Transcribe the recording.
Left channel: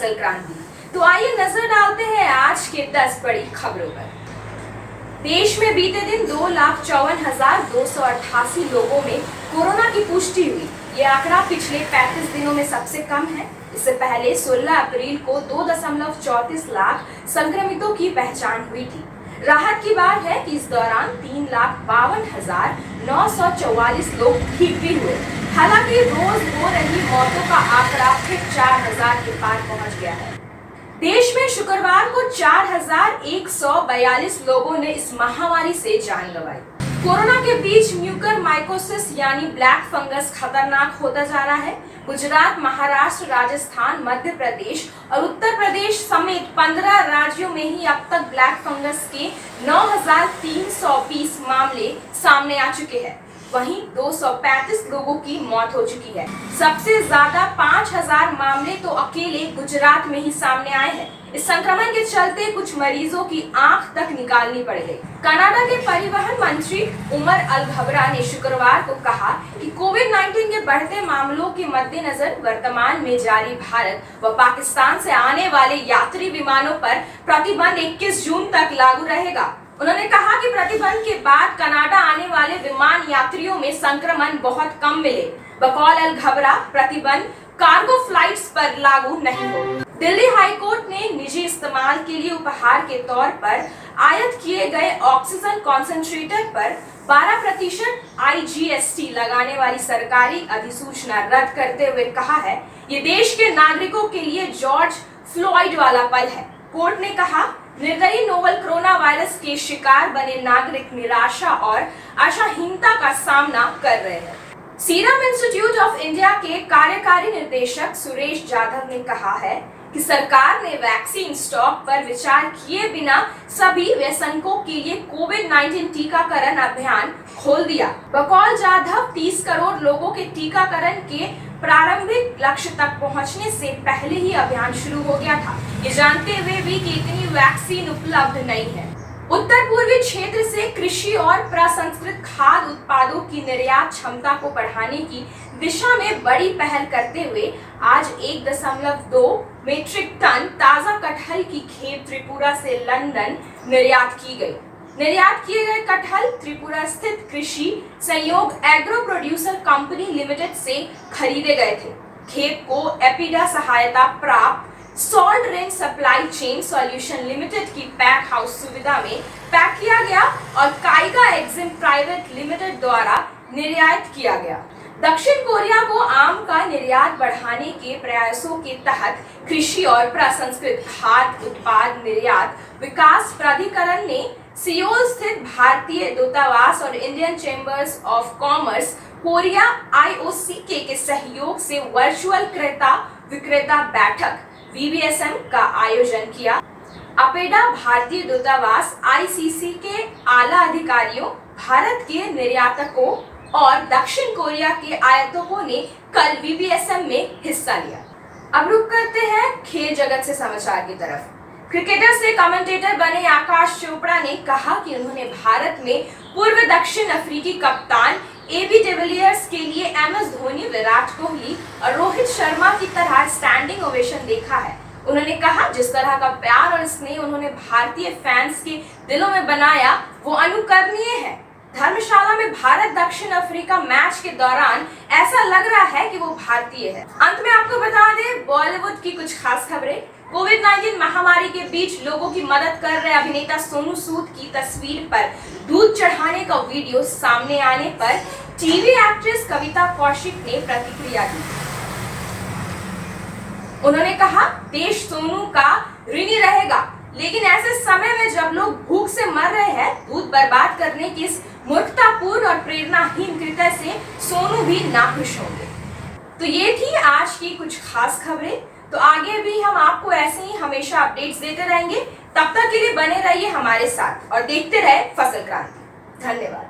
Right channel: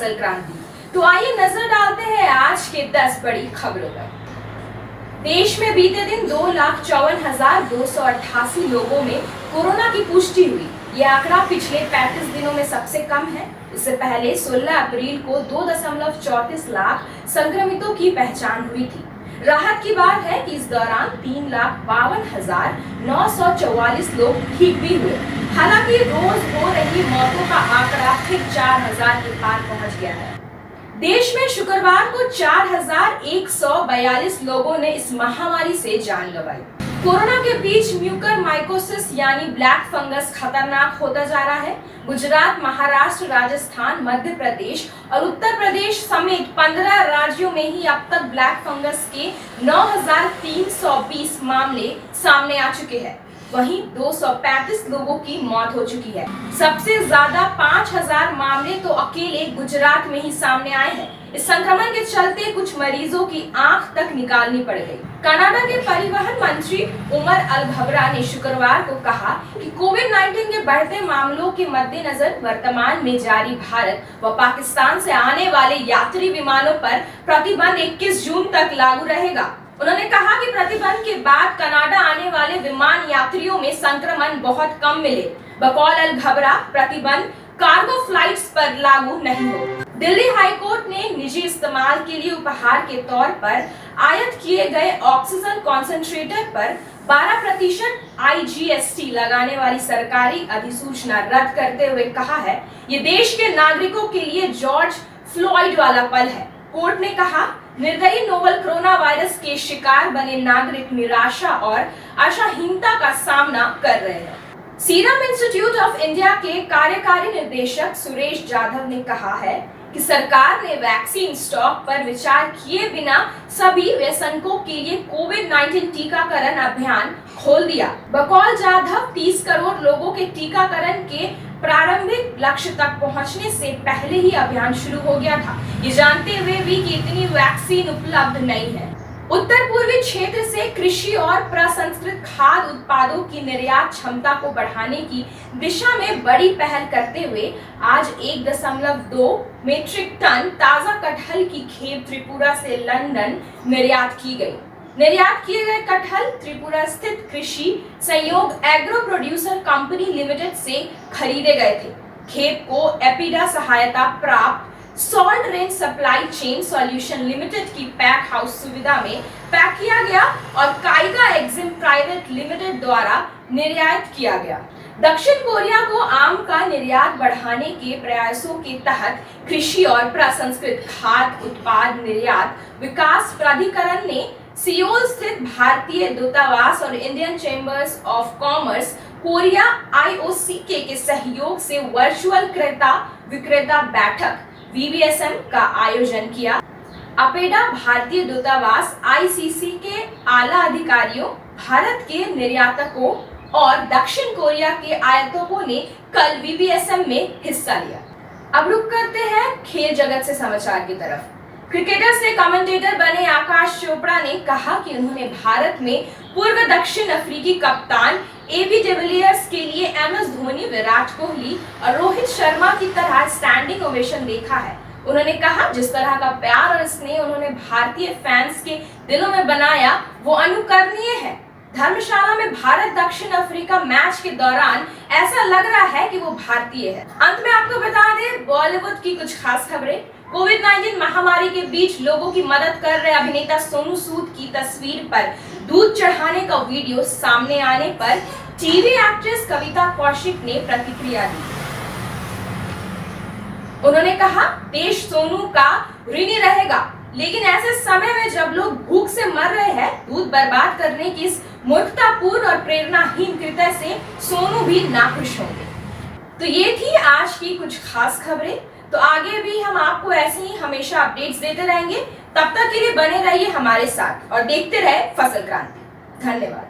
फसल क्रांति। तो आइए नजर डालते हैं आज के 10 बड़ी खबरों पर। देश में बीते दिन 2,54,288 लोगों में कोरोना की पुष्टि हुई। यह आंकड़ा पिछले 35 दिनों में सबसे कम है। इससे पहले 16 अप्रैल को 2.34 लाख संक्रमितों की पहचान हुई थी। राहत की बात है कि इस दौरान 3,52,944 लोग ठीक भी हुए। हालांकि रोज हो रही मौतों का आंकड़ा फिर 4,000 के पार पहुंच गया है। देश में शुक्रवार को 4,142 लोगों ने इस महामारी से जान गंवाई। कोरोना के बीच म्यूकरमाइकोसिस यानी ब्लैक फंगस खतरनाक होता जा रहा है। गुजरात, महाराष्ट्र, राजस्थान, मध्य प्रदेश और उत्तर प्रदेश समेत 15 राज्यों में ही अब तक ब्लैक फंगस के 9,320 मामले सामने आ चुके हैं। वहीं 235 लोगों की मौत हो चुकी है। सबसे ज्यादा 5,000 मामले तो अकेले गुजरात में ही सामने आए हैं। इस संक्रमण के चलते कुछ मरीजों की आंख तक निकालनी पड़ गई। कनाडा के परिवहन मंत्री उमर अल घबरा ने शुक्रवार को कहा कि कोविड-19 के बढ़ते मामलों के मद्देनजर वर्तमान में जारी भारत व पाकिस्तान से आने वाले यात्री विमानों पर प्रतिबंध 21 जून तक लागू रहेगा। उन्होंने कहा कि प्रतिबंध के बाद कनाडा आने वाले विमान यात्रियों में संक्रमण बहुत कम मिले। बकौल अल घबरा प्रतिबंध कार्गो फ्लाइट्स पर लागू नहीं होगा। दिल्ली हाई कोर्ट ने निजी इस्तेमाल के लिए उपहार के तौर पर आयात किए गए ऑक्सीजन कॉन्सेंट्रेटर पर 12% IGST लगाने वाली सरकारी अधिसूचना रद्द करते हुए कहा है, ये देश के नागरिकों के लिए जॉर्ज फ्लॉयड वाला पल है। कोर्ट ने कहा, निर्दयी नोवल कोरोना वायरस के शिकार बने नागरिक निराशा और आशाहीनता का सामना कर रहे हैं। सीरम इंस्टीट्यूट ऑफ इंडिया के कार्यकारी निदेशक सुरेश जाधव ने कहा है कि सरकार ने वैक्सीन स्टॉक पर विचार किए बिना सभी वयस्कों के लिए कोविड-19 टीकाकरण अभियान खोल दिया। बकौल जाधव 30 करोड़ लोगों के टीकाकरण के प्रारंभिक लक्ष्य तक पहुंचने से पहले ही अभियान शुरू हो गया था, ये जानते हुए भी कि इतनी वैक्सीन उपलब्ध नहीं है। उत्तर पूर्वी क्षेत्र से कृषि और प्रसंस्कृत खाद्य उत्पादों की निर्यात क्षमता को बढ़ाने की दिशा में बड़ी पहल करते हुए आज 1.2 मीट्रिक टन ताजा कटहल की खेप त्रिपुरा से लंदन निर्यात की गई। निर्यात किए गए कटहल त्रिपुरा स्थित कृषि संयोग एग्रो प्रोड्यूसर कंपनी लिमिटेड से खरीदे गए थे। खेप को एपिडा सहायता प्राप्त salt range supply chain solution limited की पैक हाउस सुविधा में पैक किया गया और काइगा एक्जिम प्राइवेट लिमिटेड द्वारा निर्यात किया गया। दक्षिण कोरिया को आम का निर्यात बढ़ाने के प्रयासों के तहत कृषि और प्रसंस्कृत खाद्य उत्पाद निर्यात विकास प्राधिकरण ने सियोल स्थित भारतीय दूतावास और Indian chambers of commerce Korea IOCK के सहयोग से वर्चुअल क्रेता विक्रेता बैठक VBSM का आयोजन किया। अपेडा भारतीय दूतावास ICC के आला अधिकारियों, भारत के निर्यातकों और दक्षिण कोरिया के आयातकों ने कल VBSM में हिस्सा लिया। अब रुक करते हैं खेल जगत से समाचार की तरफ। क्रिकेटर से कमेंटेटर बने आकाश चोपड़ा ने कहा कि उन्होंने भारत में पूर्व दक्षिण अफ्रीकी कप्तान AB डिविलियर्स के लिए MS धोनी, विराट कोहली और रोहित शर्मा की तरह स्टैंडिंग ओवेशन देखा है। उन्होंने कहा, जिस तरह का प्यार और स्नेह उन्होंने भारतीय फैंस के दिलों में बनाया वो अनुकरणीय है। धर्मशाला में भारत दक्षिण अफ्रीका मैच के दौरान ऐसा लग रहा है कि वो भारतीय है। अंत में आपको बता दें बॉलीवुड की कुछ खास खबरें। कोविड-19 महामारी के बीच लोगों की मदद कर रहे अभिनेता सोनू सूद की तस्वीर पर दूध चढ़ाने का वीडियो सामने आने पर टीवी एक्ट्रेस कविता कौशिक ने प्रतिक्रिया दी। उन्होंने कहा, देश सोनू का ऋणी रहेगा, लेकिन ऐसे समय में जब लोग भूख से मर रहे हैं, दूध बर्बाद करने की इस मूर्खतापूर्ण और प्रेरणाहीन कृत्य से सोनू भी नाखुश होंगे। तो ये थी आज की कुछ खास खबरें। तो आगे भी हम आपको ऐसे ही हमेशा अपडेट्स देते रहेंगे। तब तक के लिए बने रहिए हमारे साथ और देखते रहे फसल क्रांति। धन्यवाद।